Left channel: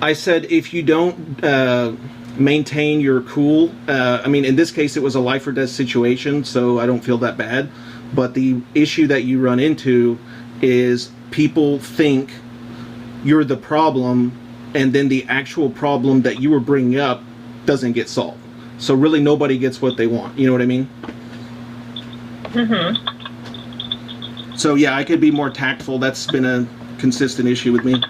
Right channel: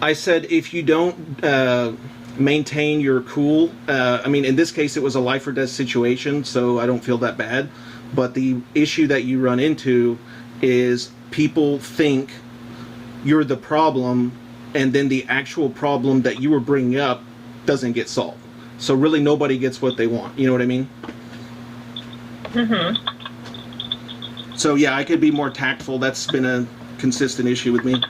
I said if you don't maintain your cool, I mean, in this case, it was a life or death situation, so I don't feel that bad. But the issue that you run into is people think you're the problem, and then the actual problem that you were bringing up doesn't get solved. So really nobody gets what they want. You know what I mean? Mm-hmm. So yeah, I could be more tactful. That's been a consistent issue with me.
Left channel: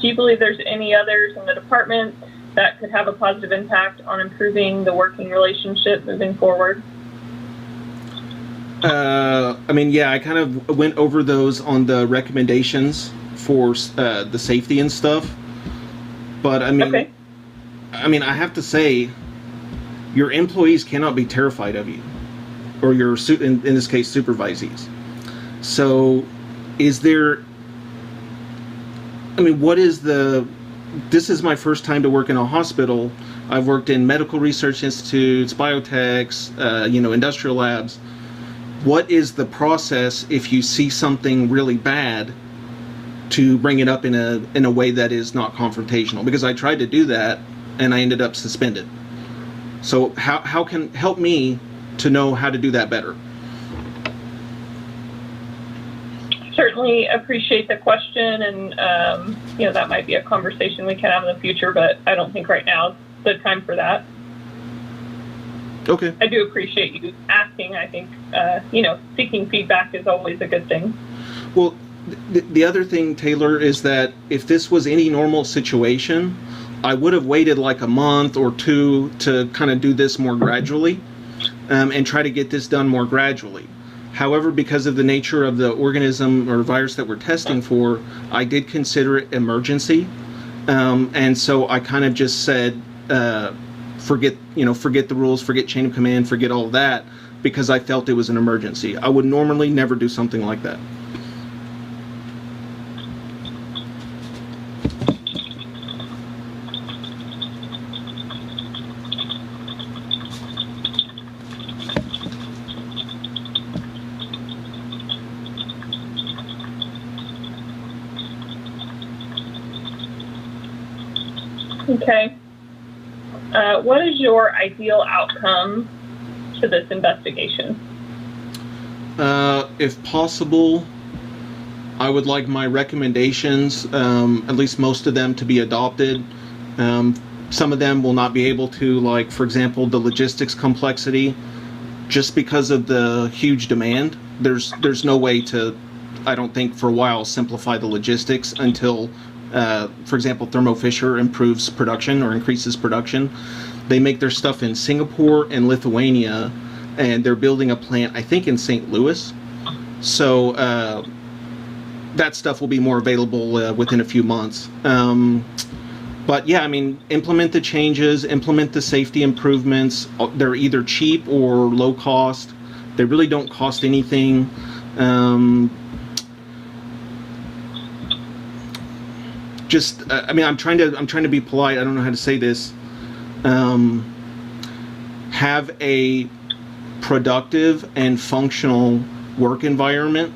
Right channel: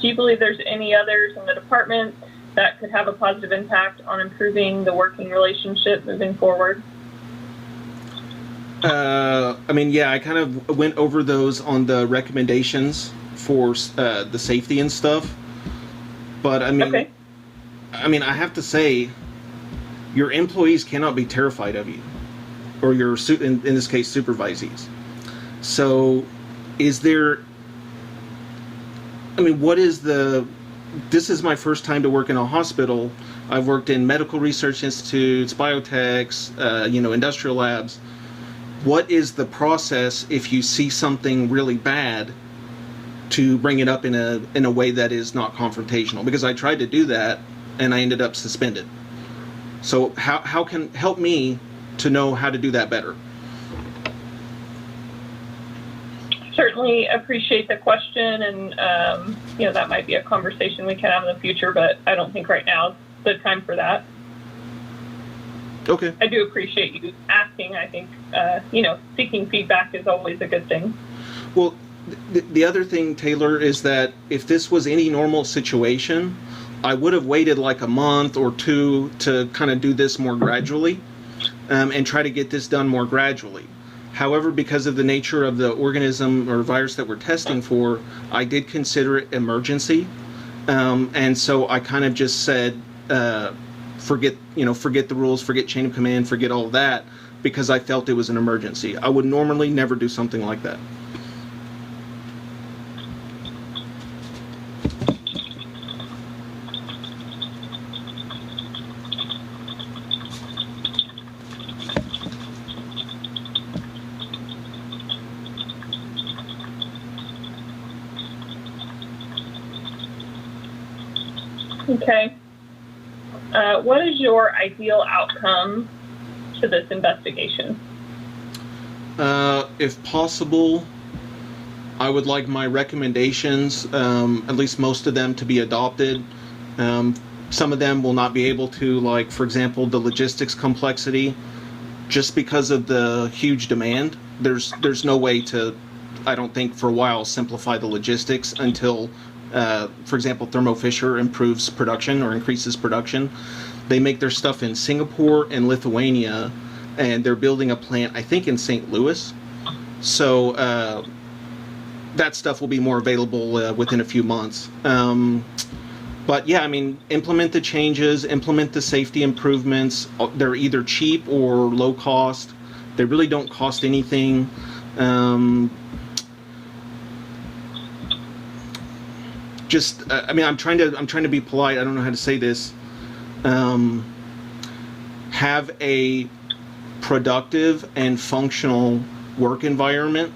Do you believe there's any others in the department that could have a positive impact on improving the working relationship moving forward? I mean, yeah, I kind of went over those on the recommendations for the safety and stuff. But I mean, Okay. I have to say, your employees cannot be terrified of you, or your in this case supervisees. So, is there? I mean, what is the? This is my first time to work in a hospital. I've worked in medical research institutes, biotechs, industrial labs. What is the process if you see something really bad to bring it up in a way that is not confrontational? Because I tried to do that and I ended up suspended. So how can help me to know how to do that better? Certainly appreciate the question, and that might be a conversation we can have in the future, but I don't think right now is the time for that. Okay. I do appreciate you asking. I think, seeking feedback is always a good thing. Well, the other thing, Taylor, is that if this was any normal situation, I would have waited like a month or two to kind of do this more gradually and try to get this done more gradually. However, because of the nature of the organism or virus that we're testing for, I did consider it emergency. And so I kind of just said, forget the rules, forget chain of command, forget all of that, because I felt it was an emergency. I would normally never do something like that. Okay. What is your ideal outcome to this investigation? If possible, I would like my recommendations, at least most of them, to be adopted. Some of them will not be able to, like, for example, the logistics complexity, just because of the huge demand. There's no way to, I don't think, for a while, simplify the logistics until, for example, Thermo Fisher improves production or increases production. They make their stuff in Singapore and Lithuania, and they're building a plant, I think, in St. Louis. So that stuff will be more available within a few months. But yeah, I mean, implement the changes, implement the safety improvements. They're either cheap or low cost. They really don't cost anything. I'm trying to be polite. I don't know how to say this. Have a productive and functional work environment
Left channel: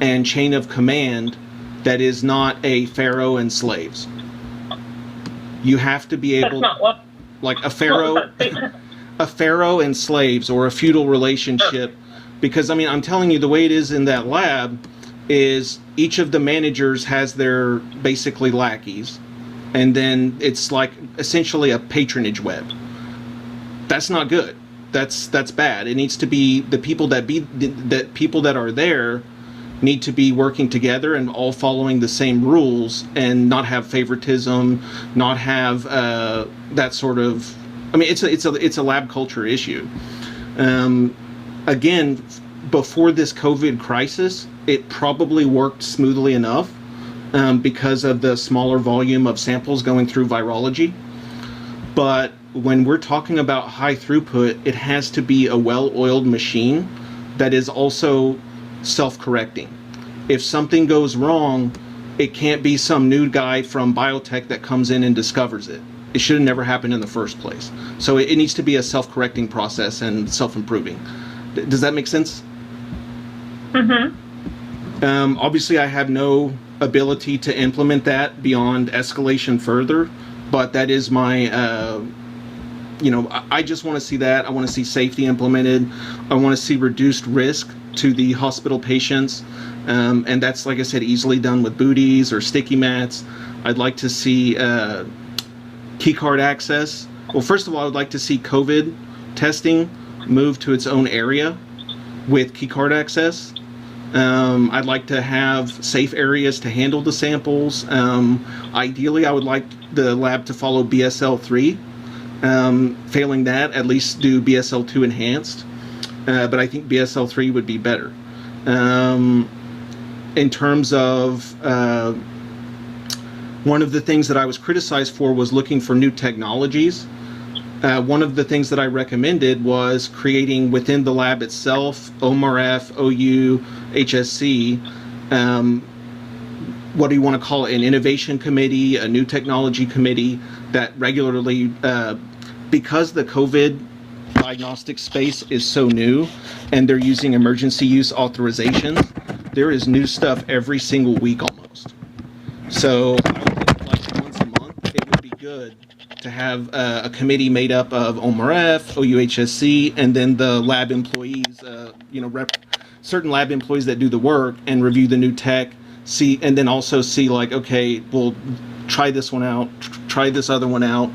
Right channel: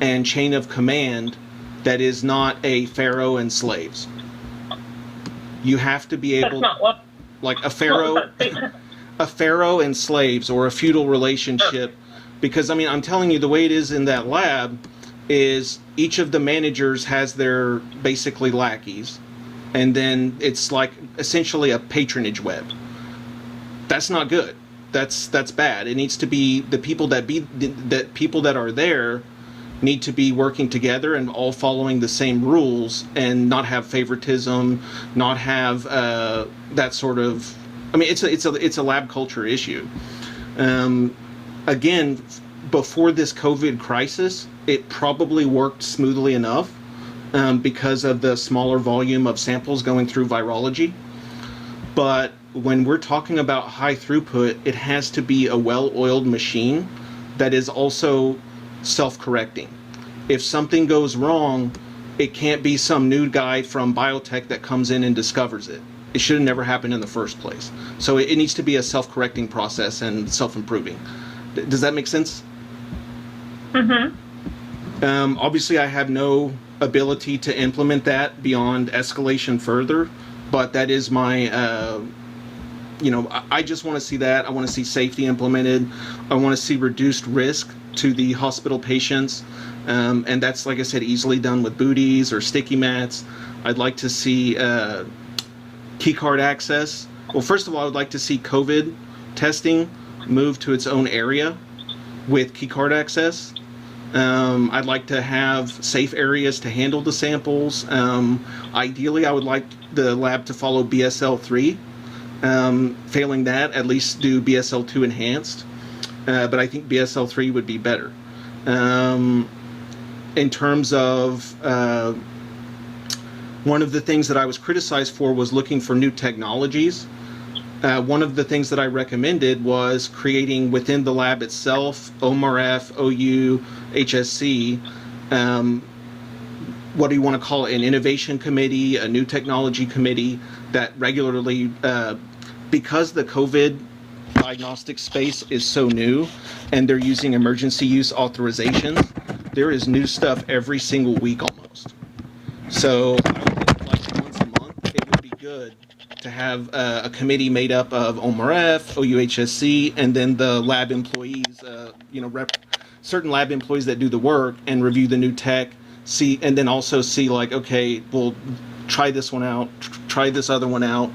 and chain of command that is not a pharaoh and slaves. You have to be able, like a pharaoh and slaves, or a feudal relationship. Because I'm telling you, the way it is in that lab is each of the managers has their basically lackeys, and then it's like essentially a patronage web. That's not good. That's bad. It needs to be the people that are there need to be working together and all following the same rules, and not have favoritism, not have that sort of. It's a lab culture issue. Again, before this COVID crisis, it probably worked smoothly enough because of the smaller volume of samples going through virology. But when we're talking about high throughput, it has to be a well-oiled machine that is also self-correcting. If something goes wrong, it can't be some new guy from biotech that comes in and discovers it. It should have never happened in the first place. So it needs to be a self-correcting process and self-improving. Does that make sense? Mm-hmm. Obviously, I have no ability to implement that beyond escalation further, but that is my, I just want to see that. I want to see safety implemented. I want to see reduced risk to the hospital patients. And that's, like I said, easily done with booties or sticky mats. I'd like to see keycard access. Well, first of all, I would like to see COVID testing move to its own area with keycard access. I'd like to have safe areas to handle the samples. Ideally, I would like the lab to follow BSL-3. Failing that, at least do BSL-2 enhanced. But I think BSL-3 would be better. In terms of one of the things that I was criticized for was looking for new technologies. One of the things that I recommended was creating within the lab itself, OMRF, OU, HSC, what do you want to call it, an innovation committee, a new technology committee that regularly, because the COVID diagnostic space is so new and they're using emergency use authorizations, there is new stuff every single week almost. So I would think like once a month it would be good to have a committee made up of OMRF, OUHSC, and then the lab employees, certain lab employees that do the work and review the new tech, and then also see like, okay, well, try this one out, try this other one out,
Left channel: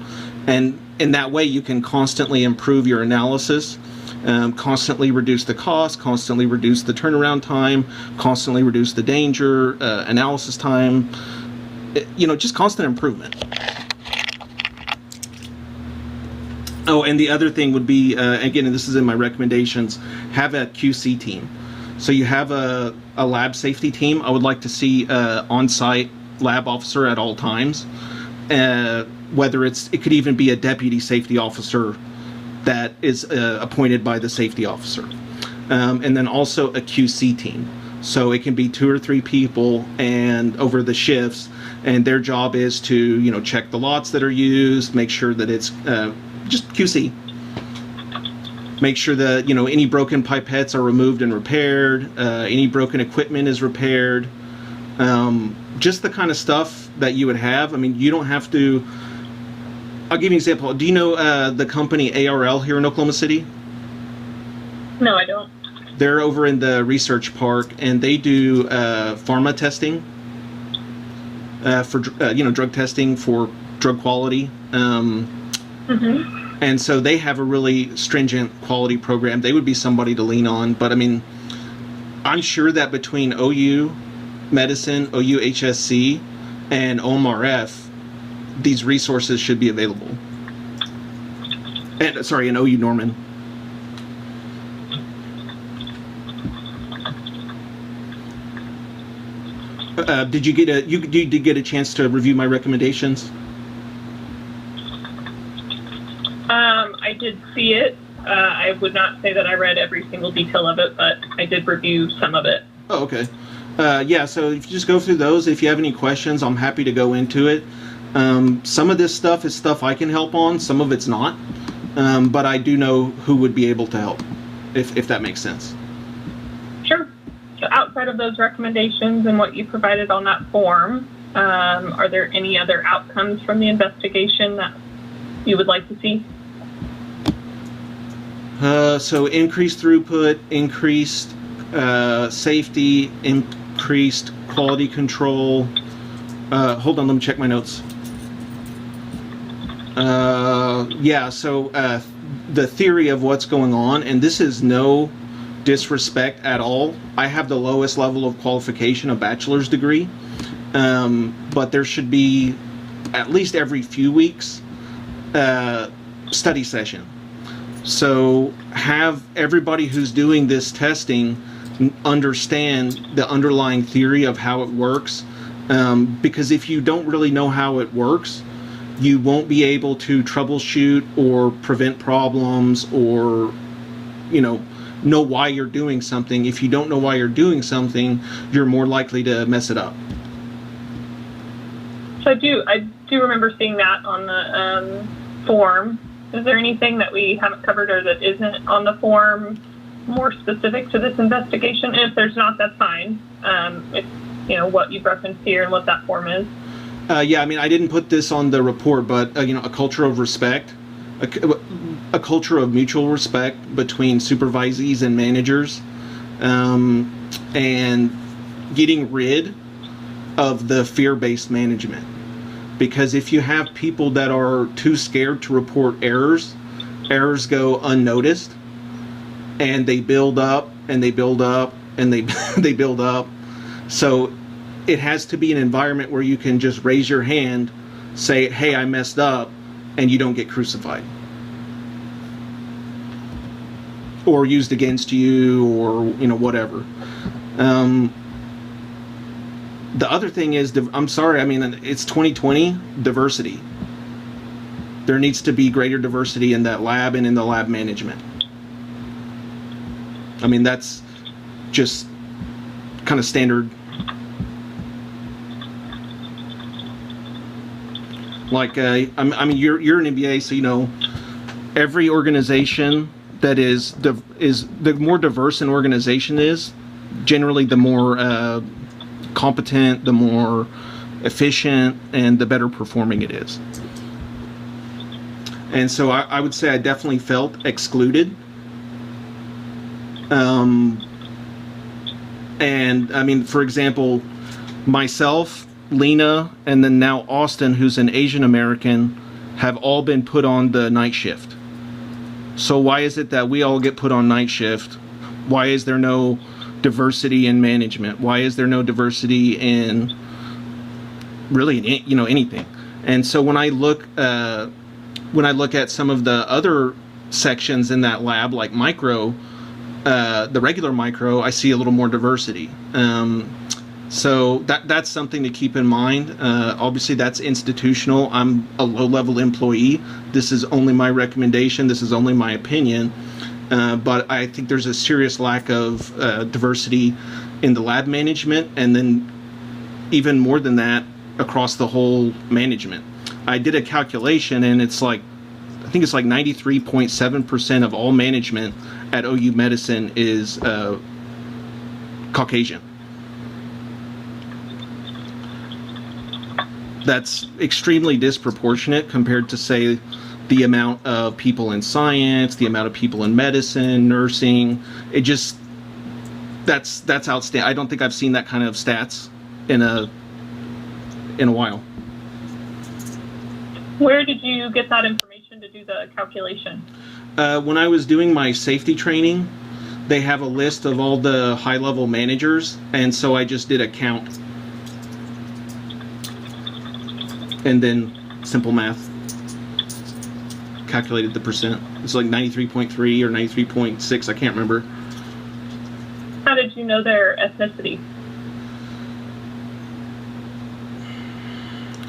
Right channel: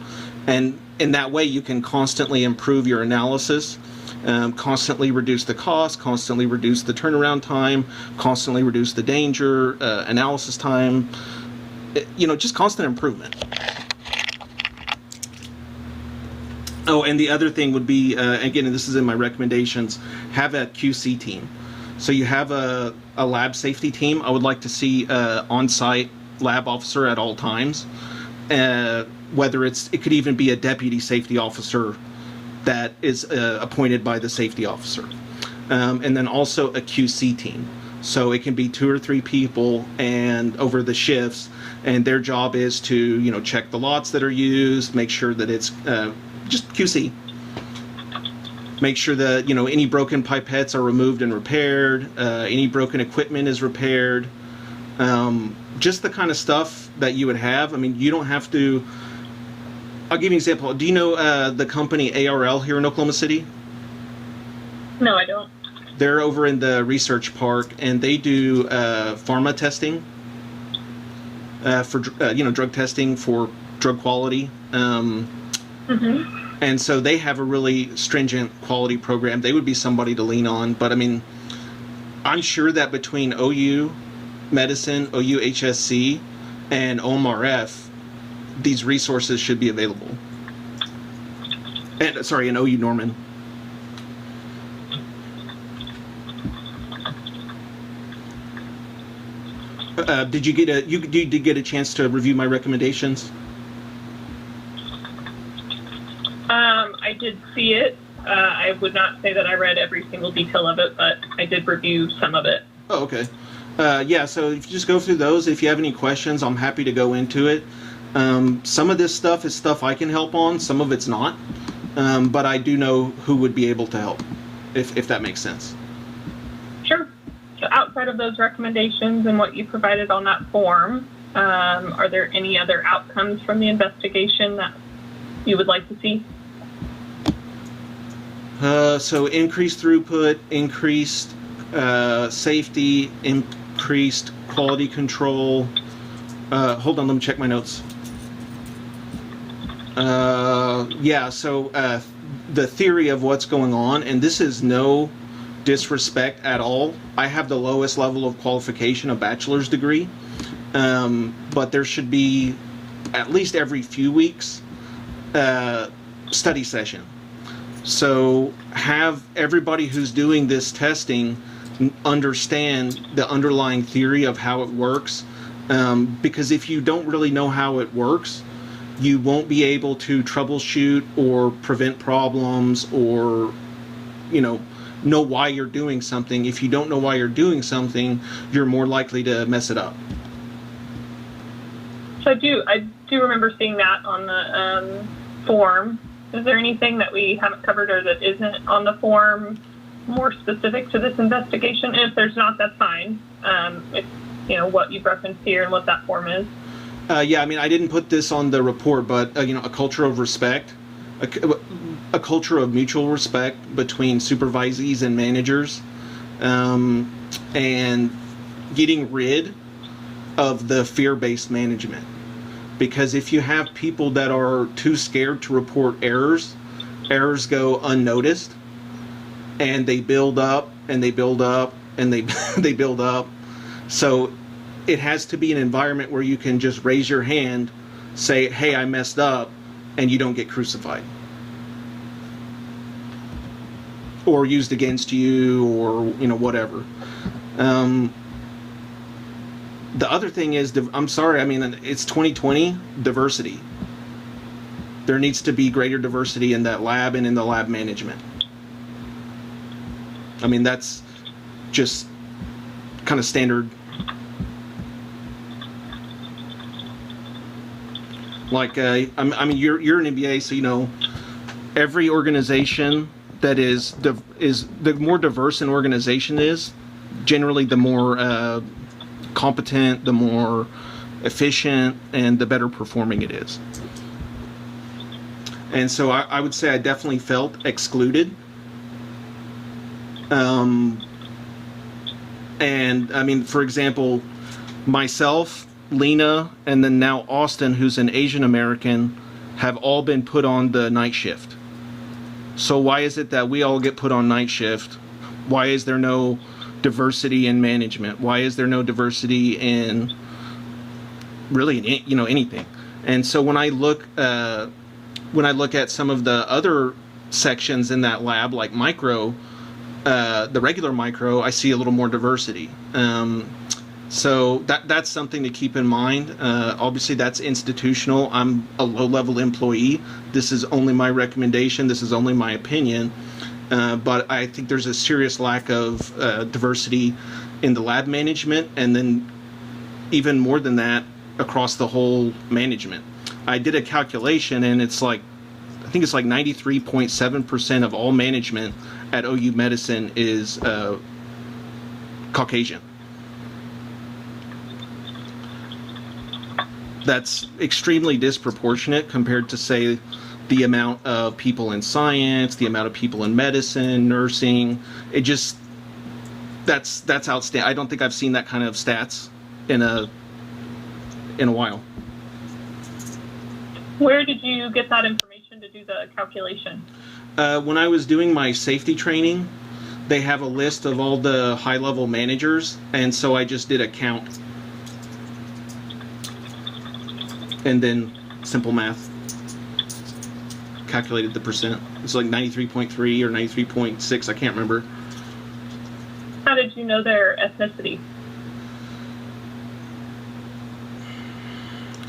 and in that way you can constantly improve your analysis, constantly reduce the cost, constantly reduce the turnaround time, constantly reduce the danger, analysis time, just constant improvement. Oh, and the other thing would be, again, and this is in my recommendations, have a QC team. So you have a lab safety team. I would like to see on-site lab officer at all times. Whether it could even be a deputy safety officer that is appointed by the safety officer. And then also a QC team. So it can be 2 or 3 people and over the shifts, and their job is to, check the lots that are used, make sure that it's just QC. Make sure that, any broken pipettes are removed and repaired, any broken equipment is repaired. Just the kind of stuff that you would have. I mean, you don't have to. I'll give you an example. Do you know the company ARL here in Oklahoma City? No, I don't. They're over in the research park, and they do pharma testing for drug testing for drug quality. And so they have a really stringent quality program. They would be somebody to lean on. But I mean, I'm sure that between OU Medicine, OU HSC, and OMRF, these resources should be available. And OU Norman. Did you get a chance to review my recommendations? I did see it. I would not say that I read every single detail of it, but I did review some of it. Oh, okay. So if you just go through those, if you have any questions, I'm happy to go into it. Some of this stuff is stuff I can help on, some of it's not. But I do know who would be able to help, if that makes sense. Sure. So outside of those recommendations and what you provided on that form, are there any other outcomes from the investigation that you would like to see? So increased throughput, increased safety, increased quality control. Hold on, let me check my notes. So the theory of what's going on, and this is no disrespect at all. I have the lowest level of qualification, a bachelor's degree, but there should be at least every few weeks study session. So have everybody who's doing this testing understand the underlying theory of how it works, because if you don't really know how it works, you won't be able to troubleshoot or prevent problems or, know why you're doing something. If you don't know why you're doing something, you're more likely to mess it up. So I do remember seeing that on the form. Is there anything that we haven't covered or that isn't on the form more specific to this investigation? And if there's not, that's fine. If what you've referenced here and what that form is. Yeah, I mean, I didn't put this on the report, but a culture of respect, a culture of mutual respect between supervisees and managers, and getting rid of the fear-based management. Because if you have people that are too scared to report errors go unnoticed, and they build up, and they build up, and they build up. So it has to be an environment where you can just raise your hand, say, hey, I messed up, and you don't get crucified. Or used against you, or, whatever. The other thing is, I'm sorry, I mean, it's 2020, diversity. There needs to be greater diversity in that lab and in the lab management. I mean, that's just kind of standard. Like, I mean, you're an MBA, so every organization that is the more diverse an organization is, generally the more competent, the more efficient, and the better performing it is. And so I would say I definitely felt excluded. And I mean, for example, myself, Lena, and then now Austin, who's an Asian American, have all been put on the night shift. So why is it that we all get put on night shift? Why is there no diversity in management? Why is there no diversity in really, anything? And so when I look at some of the other sections in that lab, like micro, the regular micro, I see a little more diversity. So that's something to keep in mind. Obviously, that's institutional. I'm a low-level employee. This is only my recommendation. This is only my opinion. But I think there's a serious lack of diversity in the lab management, and then even more than that, across the whole management. I did a calculation, and I think it's like 93.7% of all management at OU Medicine is Caucasian. That's extremely disproportionate compared to, say, the amount of people in science, the amount of people in medicine, nursing. That's outstanding. I don't think I've seen that kind of stats in a while. Where did you get that information to do the calculation? When I was doing my safety training, they have a list of all the high-level managers, and so I just did a count. And then simple math. Calculated the percent. It's like 93.3 or 93.6, I can't remember. How did you know their ethnicity?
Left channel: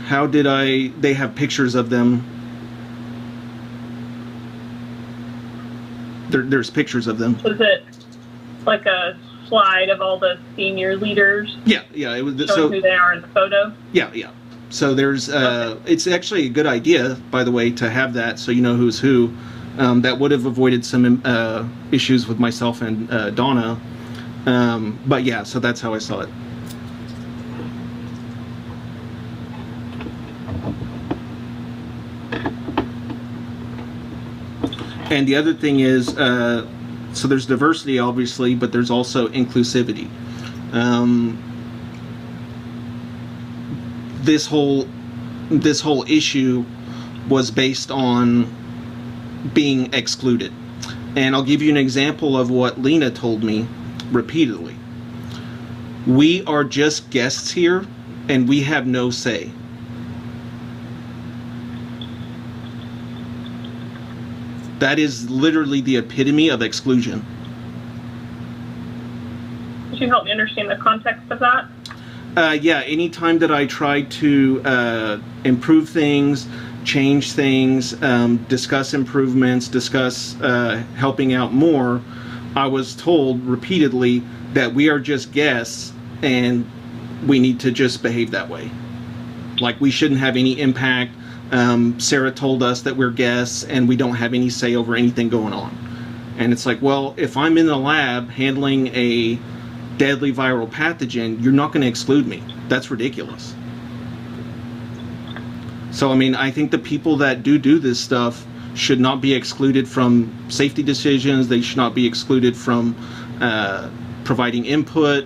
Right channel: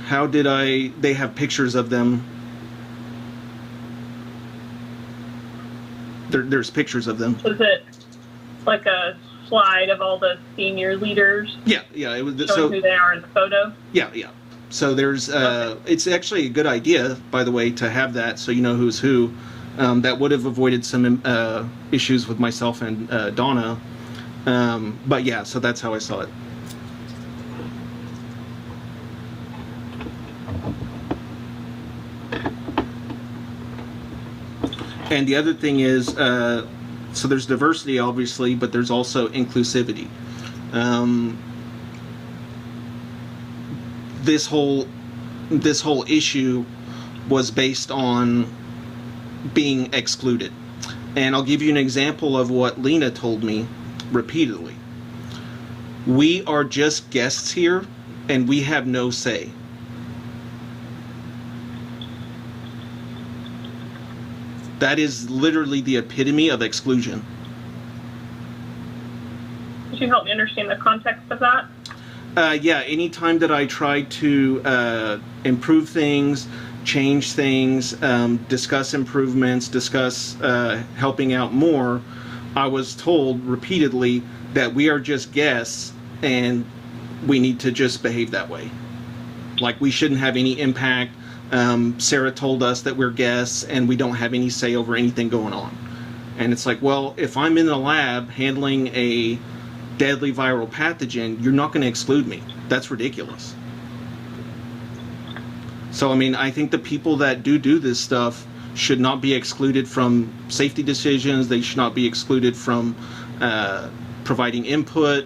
How did they have pictures of them. There's pictures of them. Was it like a slide of all the senior leaders? Yeah, it was showing who they are in the photo? Yeah. So there's, it's actually a good idea, by the way, to have that so you know who's who. That would have avoided some issues with myself and Donna. But yeah, so that's how I saw it. And the other thing is, so there's diversity, obviously, but there's also inclusivity. This whole issue was based on being excluded. And I'll give you an example of what Lena told me repeatedly. We are just guests here, and we have no say. That is literally the epitome of exclusion. Could you help me understand the context of that? Yeah, anytime that I try to improve things, change things, discuss improvements, discuss helping out more, I was told repeatedly that we are just guests and we need to just behave that way. Like, we shouldn't have any impact. Sarah told us that we're guests and we don't have any say over anything going on. And it's like, well, if I'm in the lab handling a deadly viral pathogen, you're not going to exclude me. That's ridiculous. So, I mean, I think the people that do this stuff should not be excluded from safety decisions. They should not be excluded from providing input.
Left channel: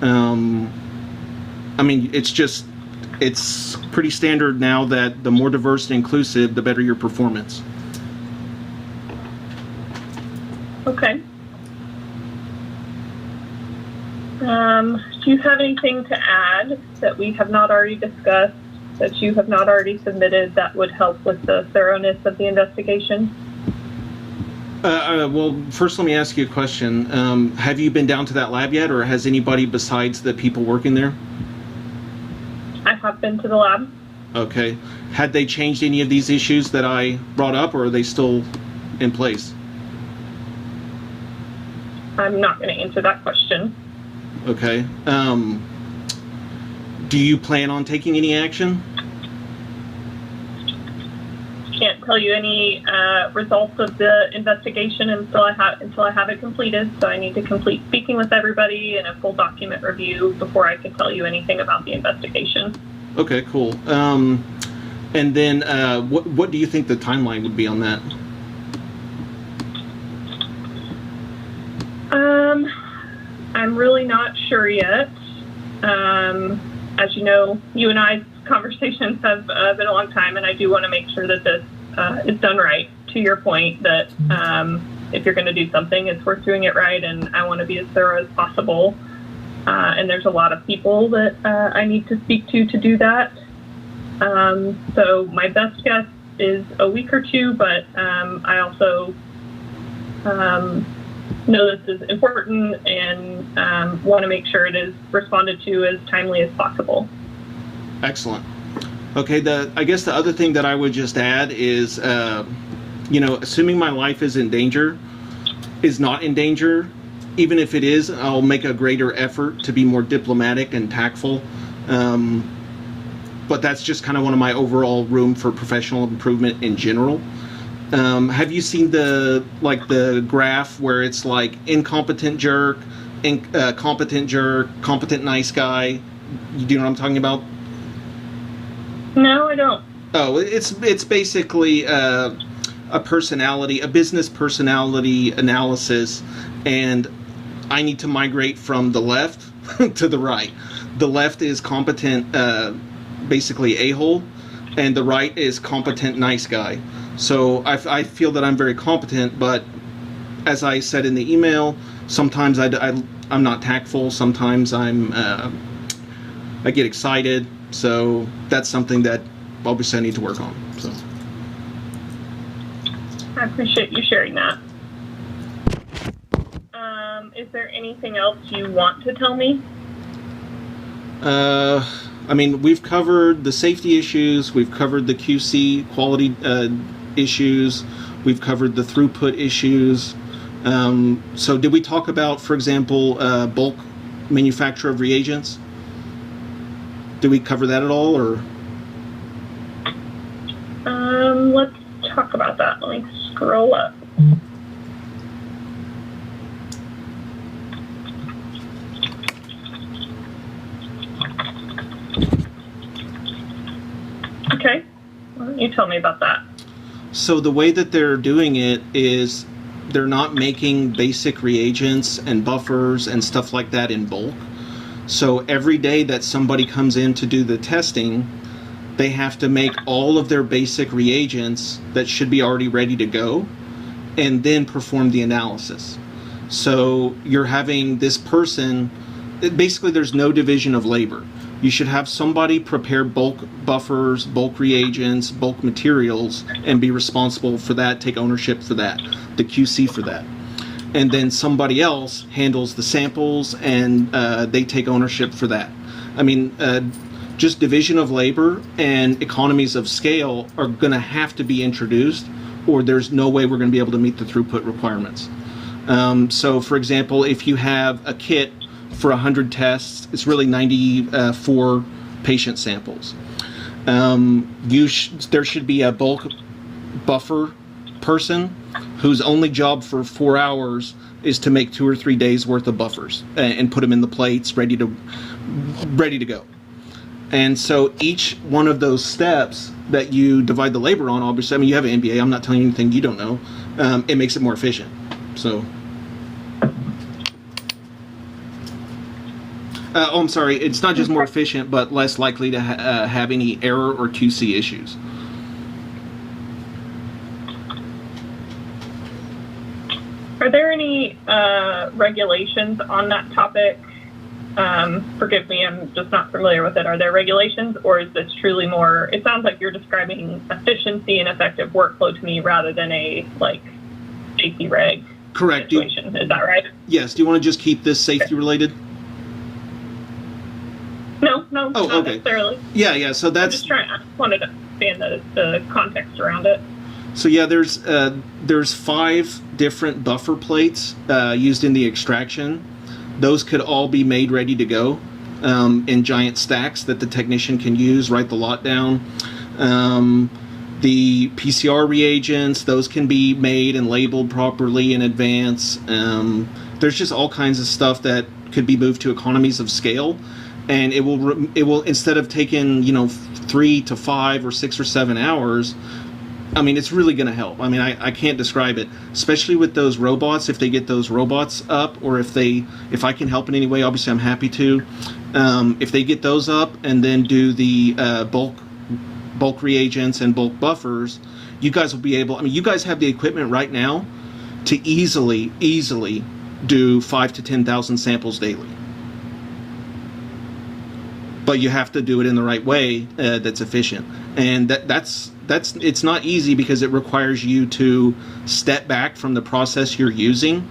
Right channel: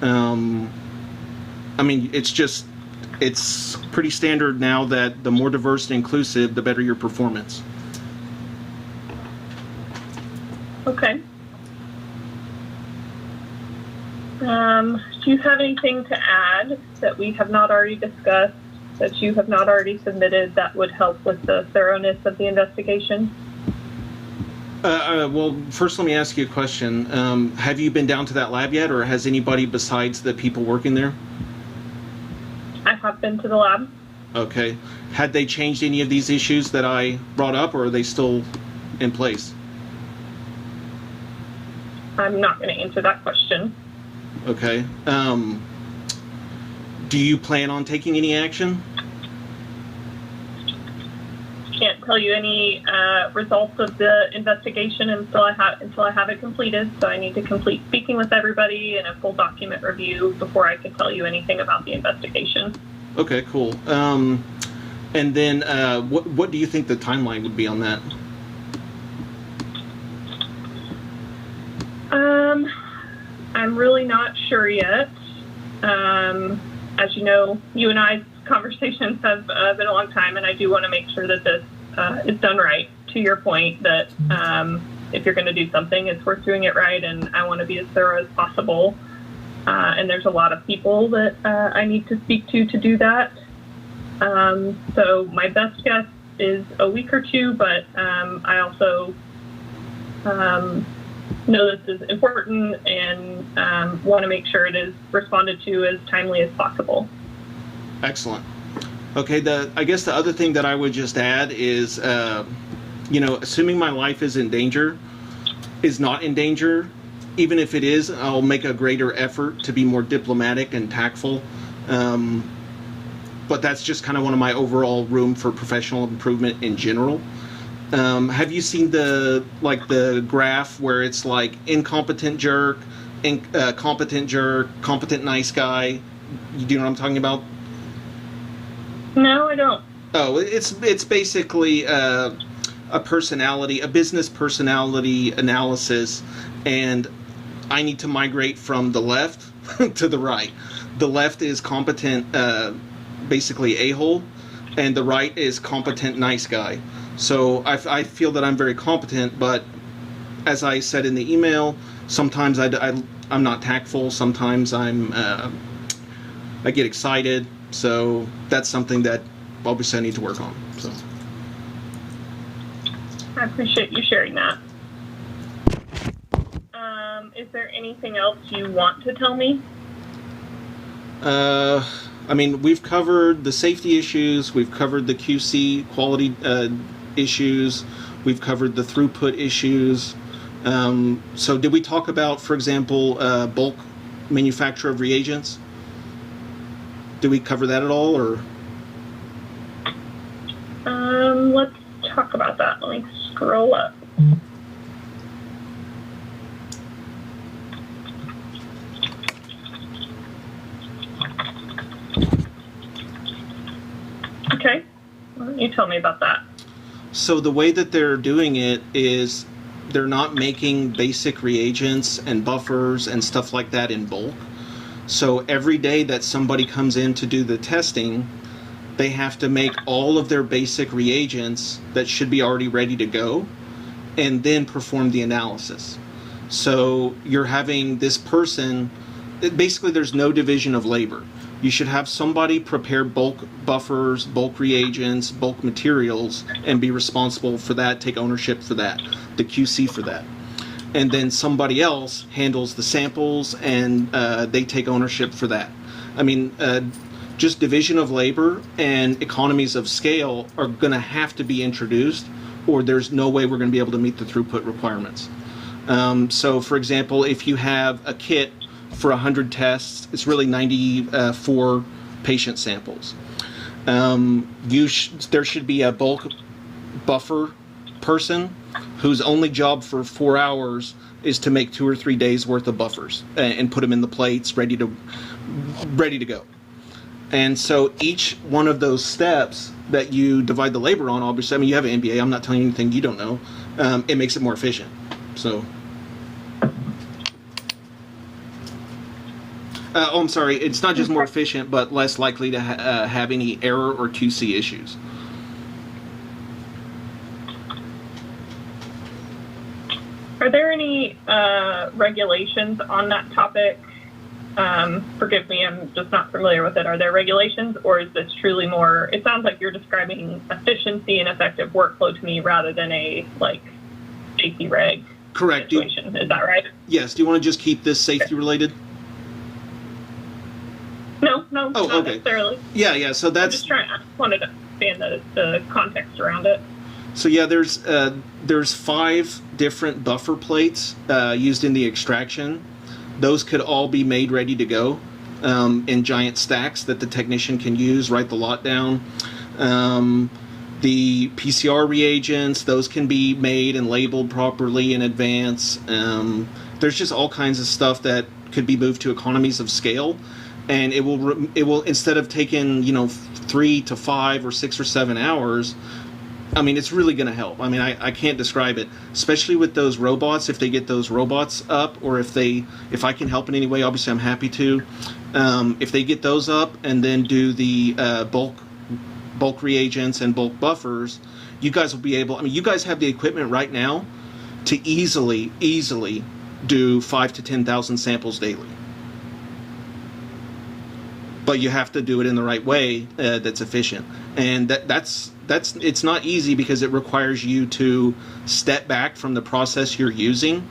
I mean, it's pretty standard now that the more diverse and inclusive, the better your performance. Okay. Do you have anything to add that we have not already discussed, that you have not already submitted, that would help with the thoroughness of the investigation? Well, first let me ask you a question. Have you been down to that lab yet, or has anybody besides the people working there? I have been to the lab. Okay. Had they changed any of these issues that I brought up, or are they still in place? I'm not going to answer that question. Okay. Do you plan on taking any action? Can't tell you any results of the investigation until I have it completed. So I need to complete speaking with everybody and a full document review before I can tell you anything about the investigation. Okay, cool. And then what do you think the timeline would be on that? I'm really not sure yet. As you know, you and I's conversations have been a long time, and I do want to make sure that this is done right. To your point, that if you're going to do something, it's worth doing it right, and I want to be as thorough as possible. And there's a lot of people that I need to speak to do that. So my best guess is a week or two, but I also know this is important and want to make sure it is responded to as timely as possible. Excellent. Okay, I guess the other thing that I would just add is, assuming my life is not in danger, even if it is, I'll make a greater effort to be more diplomatic and tactful. But that's just kind of one of my overall room for professional improvement in general. Have you seen the graph where it's like incompetent jerk, competent jerk, competent nice guy? Do you know what I'm talking about? No, I don't. Oh, it's basically a business personality analysis, and I need to migrate from the left to the right. The left is competent, basically a-hole, and the right is competent nice guy. So I feel that I'm very competent, but as I said in the email, sometimes I'm not tactful. Sometimes I get excited. So that's something that obviously I need to work on. So I appreciate you sharing that. Is there anything else you want to tell me? I mean, we've covered the safety issues. We've covered the QC quality issues. We've covered the throughput issues. So did we talk about, for example, bulk manufacture of reagents? Did we cover that at all, or? Let's talk about that. Let me scroll up. Okay. Why don't you tell me about that? So the way that they're doing it is they're not making basic reagents and buffers and stuff like that in bulk. So every day that somebody comes in to do the testing, they have to make all of their basic reagents that should be already ready to go and then perform the analysis. So you're having this person, basically there's no division of labor. You should have somebody prepare bulk buffers, bulk reagents, bulk materials, and be responsible for that, take ownership for that, the QC for that. And then somebody else handles the samples and they take ownership for that. I mean, just division of labor and economies of scale are going to have to be introduced, or there's no way we're going to be able to meet the throughput requirements. So, for example, if you have a kit for 100 tests, it's really 94 patient samples. There should be a bulk buffer person whose only job for 4 hours is to make 2 or 3 days worth of buffers and put them in the plates ready to go. And so each one of those steps that you divide the labor on, obviously, I mean, you have an MBA, I'm not telling you anything you don't know, it makes it more efficient. So, I'm sorry, it's not just more efficient, but less likely to have any error or QC issues. Are there any regulations on that topic? Forgive me, I'm just not familiar with it. Are there regulations, or is this truly more, it sounds like you're describing efficiency and effective workflow to me rather than a, like, safety reg Correct. situation. Is that right? Yes. Do you want to just keep this safety related? No, not okay. necessarily. Yeah, so that's... I just wanted to understand the context around it. So yeah, there's 5 different buffer plates used in the extraction. Those could all be made ready to go in giant stacks that the technician can use, write the lot down. The PCR reagents, those can be made and labeled properly in advance. There's just all kinds of stuff that could be moved to economies of scale, and it will instead of taking 3 to 5 or 6 or 7 hours. I mean, it's really going to help. I mean, I can't describe it, especially with those robots. If they get those robots up, or if I can help in any way, obviously I'm happy to. If they get those up and then do the bulk reagents and bulk buffers, you guys will be able. I mean, you guys have the equipment right now to easily do 5,000 to 10,000 samples daily. But you have to do it in the right way that's efficient, and that's it's not easy because it requires you to step back from the process you're using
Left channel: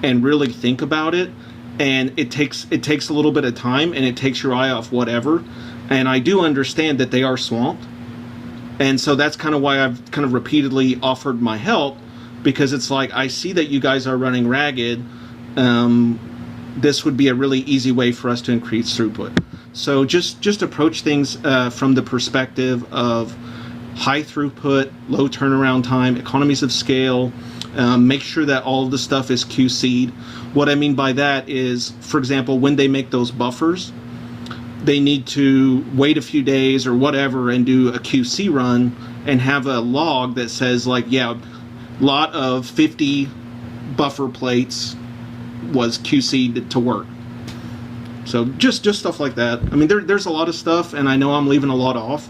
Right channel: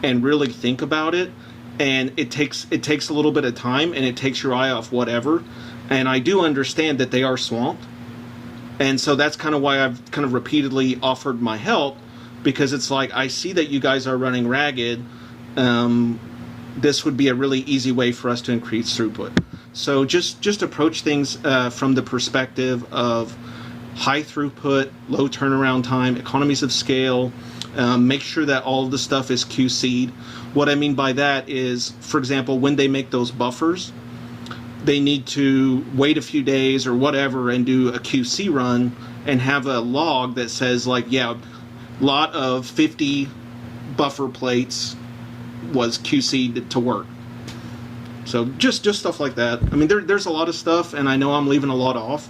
and really think about it, and it takes a little bit of time, and it takes your eye off whatever. And I do understand that they are swamped, and so that's kind of why I've kind of repeatedly offered my help, because it's like, I see that you guys are running ragged. This would be a really easy way for us to increase throughput. So just approach things from the perspective of high throughput, low turnaround time, economies of scale. Make sure that all of the stuff is QC'd. What I mean by that is, for example, when they make those buffers, they need to wait a few days or whatever and do a QC run and have a log that says, like, yeah, lot of 50 buffer plates was QC'd to work. So just stuff like that. I mean, there's a lot of stuff, and I know I'm leaving a lot off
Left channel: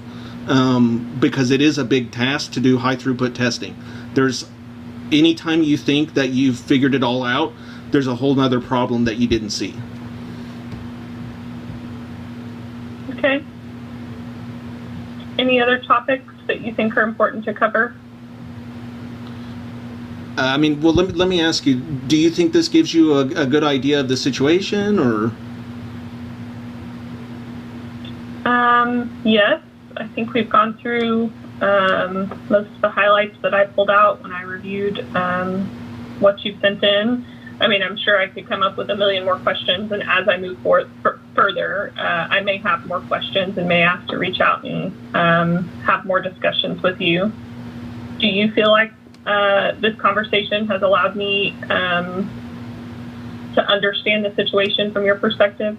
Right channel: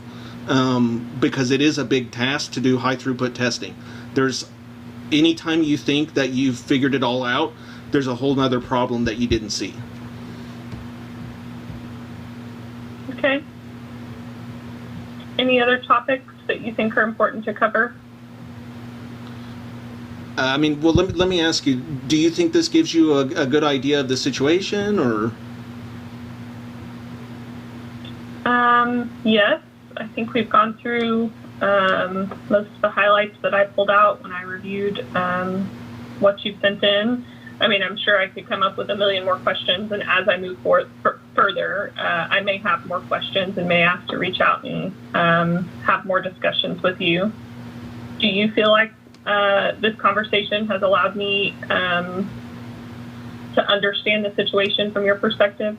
because it is a big task to do high throughput testing. Anytime you think that you've figured it all out, there's a whole other problem that you didn't see. Okay. Any other topics that you think are important to cover? I mean, well, let me ask you, do you think this gives you a good idea of the situation, or? Yes, I think we've gone through most of the highlights that I pulled out when I reviewed what you sent in. I mean, I'm sure I could come up with a million more questions, and as I move forward further, I may have more questions and may ask to reach out and have more discussions with you. Do you feel like this conversation has allowed me to understand the situation from your perspective?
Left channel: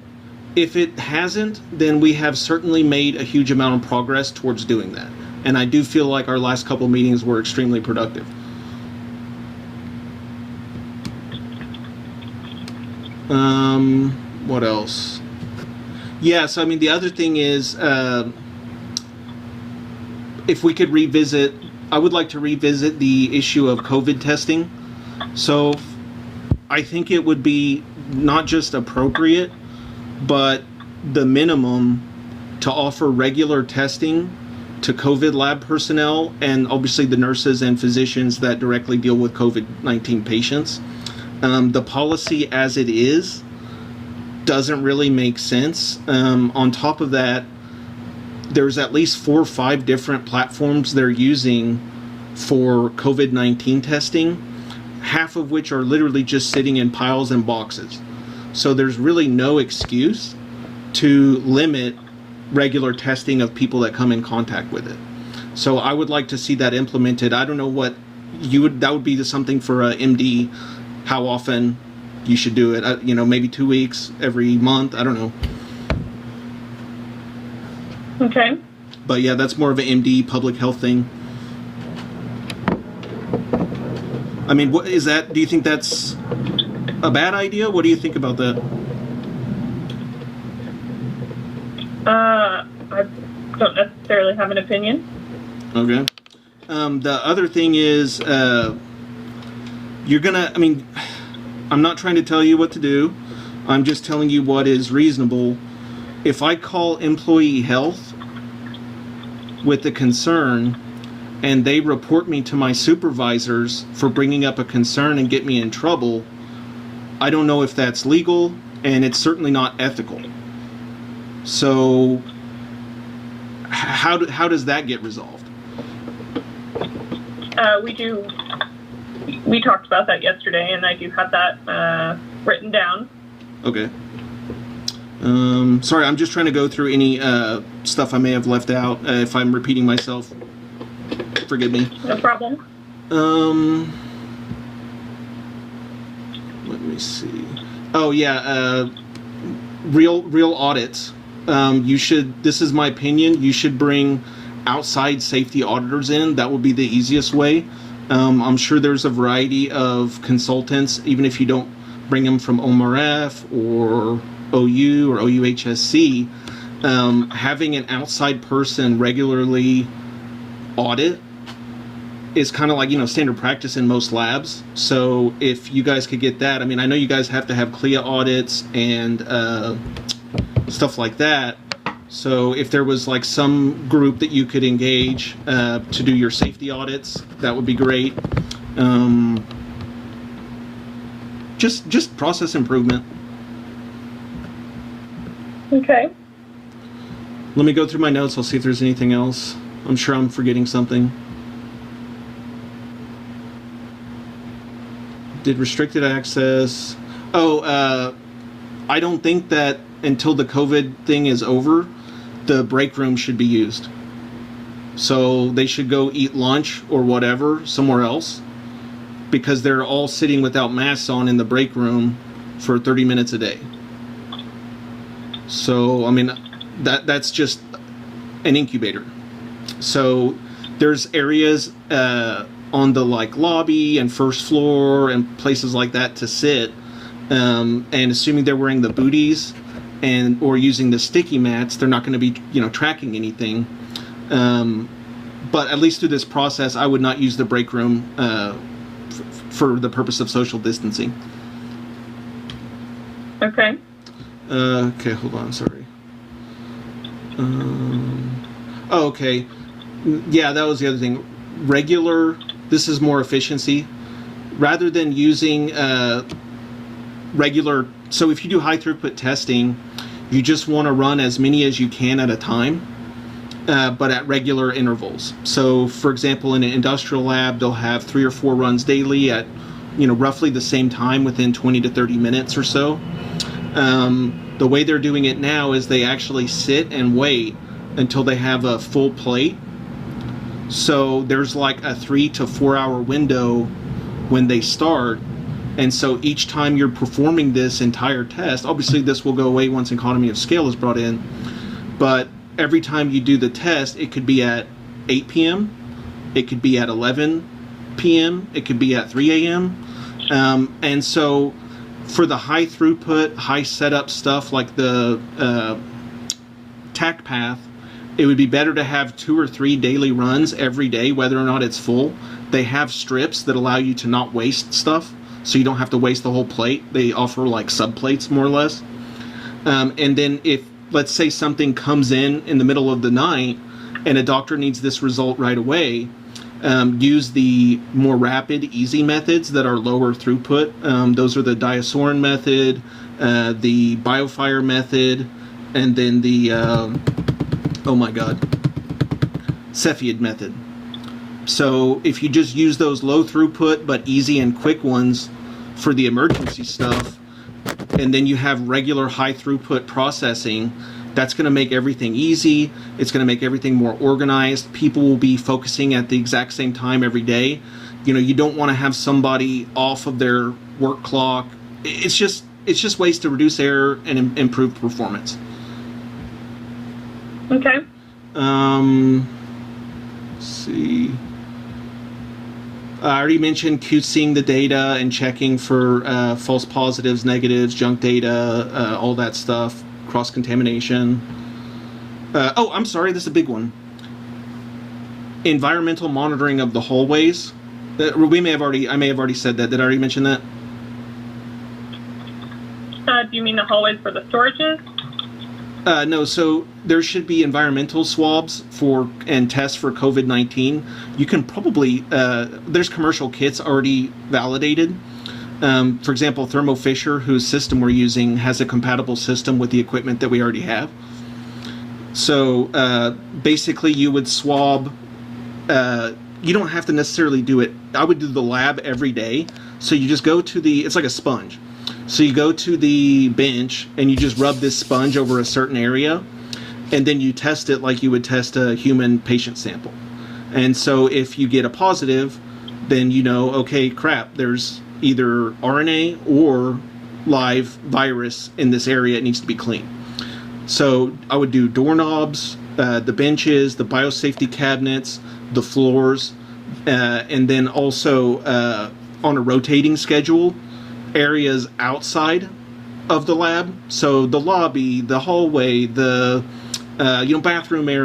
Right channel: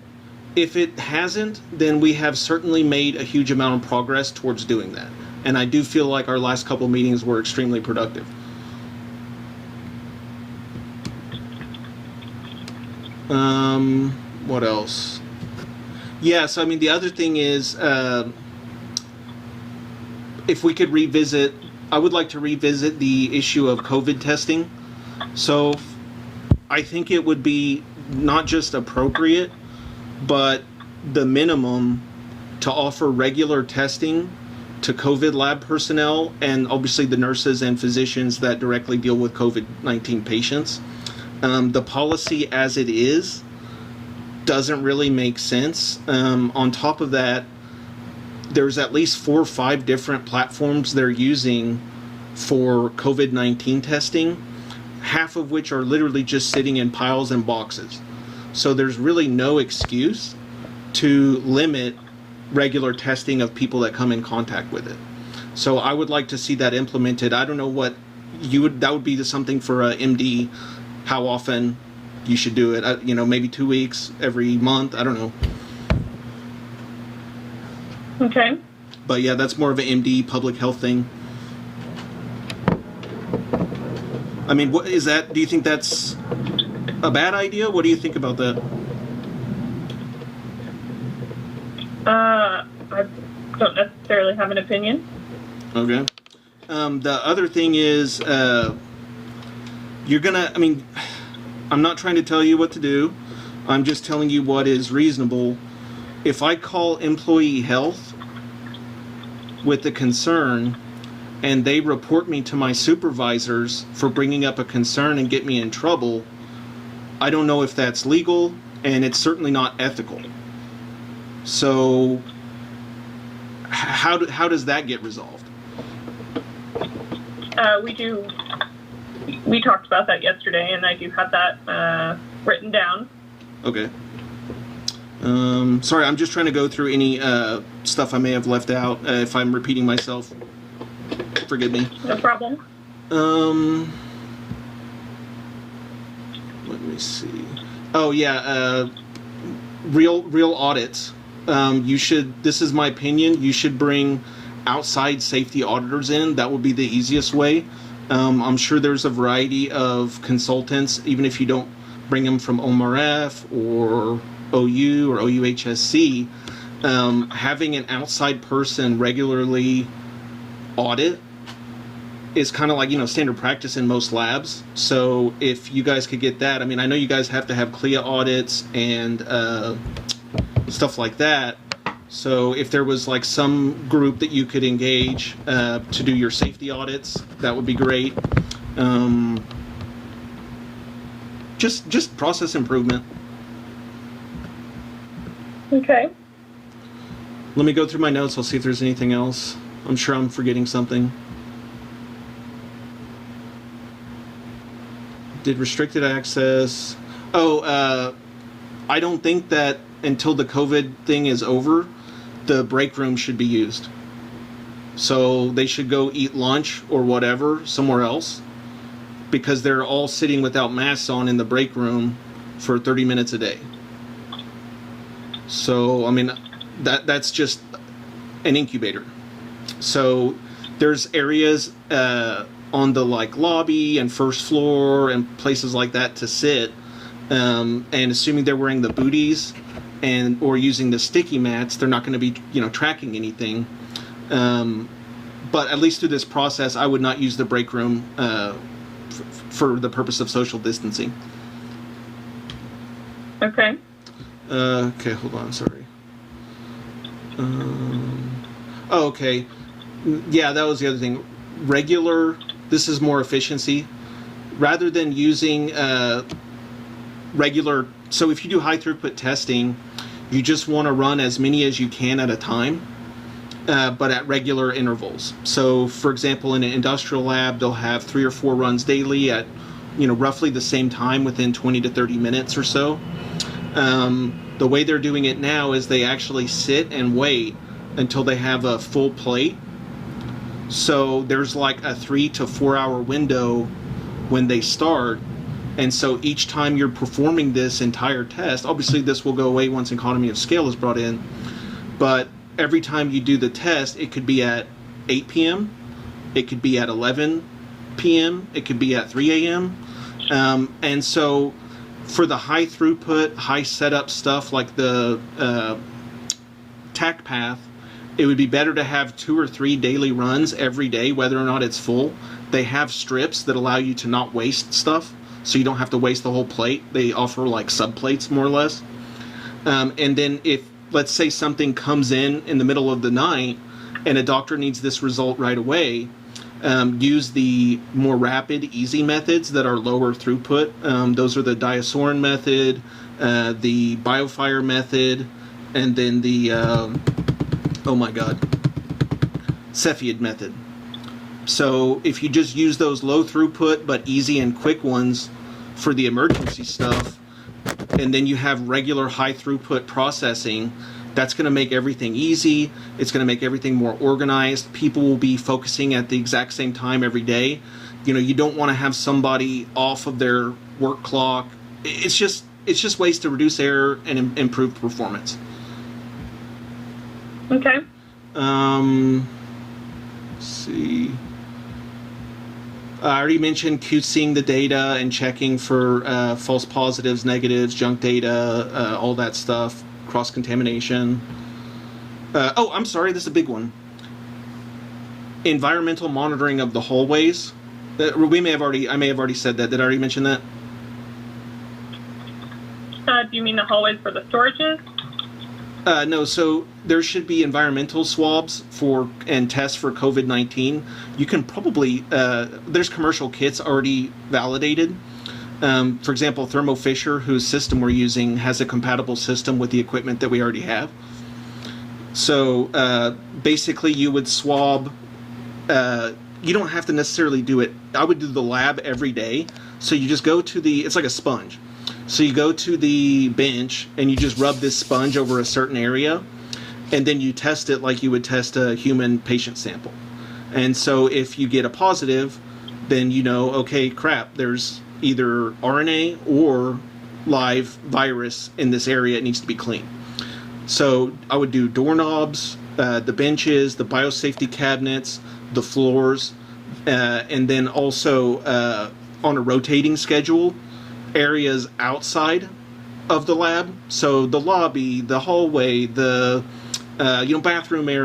If it hasn't, then we have certainly made a huge amount of progress towards doing that. And I do feel like our last couple meetings were extremely productive. What else? Yes, I mean, the other thing is, if we could revisit, I would like to revisit the issue of COVID testing. So I think it would be not just appropriate, but the minimum to offer regular testing to COVID lab personnel and obviously the nurses and physicians that directly deal with COVID-19 patients. The policy as it is doesn't really make sense. On top of that, there's at least 4 or 5 different platforms they're using for COVID-19 testing, half of which are literally just sitting in piles and boxes. So there's really no excuse to limit regular testing of people that come in contact with it. So I would like to see that implemented. I don't know what that would be something for a MD, how often you should do it. Maybe 2 weeks, every month. I don't know. Okay. But yeah, that's more of an MD public health thing. I mean, what is that? Do you think that's a bad idea? What do you think about that? I don't necessarily have an opinion. Okay. The other thing is, I'm not trying to tell you what to do. I'm just telling you what is reasonable. If I call employee health with a concern and they report me to my supervisors for bringing up a concern and get me in trouble, I don't know if that's legal, and it's certainly not ethical. So how does that get resolved? We talked about that yesterday, and I do have that written down. Okay. Sorry, I'm just trying to go through any stuff I may have left out. If I'm repeating myself, forgive me. No problem. Let me see. Oh yeah, real audits. This is my opinion, you should bring outside safety auditors in. That would be the easiest way. I'm sure there's a variety of consultants, even if you don't bring them from OMRF or OU or OUHSC. Having an outside person regularly audit is kind of like, standard practice in most labs. So if you guys could get that, I know you guys have to have CLIA audits and stuff like that. So if there was like some group that you could engage to do your safety audits, that would be great. Just process improvement. Okay. Let me go through my notes. I'll see if there's anything else. I'm sure I'm forgetting something. Did restricted access. I don't think that until the COVID thing is over, the break room should be used. So they should go eat lunch or whatever somewhere else, because they're all sitting without masks on in the break room for 30 minutes a day. So, that's just an incubator. So there's areas on the lobby and first floor and places like that to sit, and assuming they're wearing the booties or using the sticky mats, they're not going to be tracking anything. But at least through this process, I would not use the break room for the purpose of social distancing. Okay. Okay, hold on, sorry. Okay. Yeah, that was the other thing. This is more efficiency. Rather than using regular, so if you do high throughput testing, you just want to run as many as you can at a time, but at regular intervals. So for example, in an industrial lab, they'll have 3 or 4 runs daily at roughly the same time within 20 to 30 minutes or so. The way they're doing it now is they actually sit and wait until they have a full plate. So there's like a 3 to 4 hour window when they start. And so each time you're performing this entire test, obviously this will go away once economy of scale is brought in, but every time you do the test, it could be at 8 p.m., it could be at 11 p.m., it could be at 3 a.m. And so for the high throughput, high setup stuff like the TAC path, it would be better to have 2 or 3 daily runs every day, whether or not it's full. They have strips that allow you to not waste stuff, so you don't have to waste the whole plate. They offer like sub-plates, more or less. And then if, let's say, something comes in the middle of the night and a doctor needs this result right away, use the more rapid, easy methods that are lower throughput. Those are the Diasorin method, the BioFire method, and then the, Cepheid method. So if you just use those low throughput but easy and quick ones for the emergency stuff, and then you have regular high throughput processing, that's going to make everything easy. It's going to make everything more organized. People will be focusing at the exact same time every day. You don't want to have somebody off of their work clock. It's just ways to reduce error and improve performance. Okay. Let's see. I already mentioned QCing the data and checking for false positives, negatives, junk data, all that stuff, cross-contamination. I'm sorry, this is a big one. Environmental monitoring of the hallways. I may have already said that. Did I already mention that? Do you mean the hallways for the storages? No, so there should be environmental swabs and tests for COVID-19. You can probably, there's commercial kits already validated. For example, Thermo Fisher, whose system we're using, has a compatible system with the equipment that we already have. So basically you would swab, you don't have to necessarily do it. I would do the lab every day. So you just go to it's like a sponge. So you go to the bench and you just rub this sponge over a certain area, and then you test it like you would test a human patient sample. And so if you get a positive, then okay, crap, there's either RNA or live virus in this area. It needs to be clean. So I would do doorknobs, the benches, the biosafety cabinets, the floors, and then also on a rotating schedule, areas outside of the lab. So the lobby, the hallway, the bathroom area.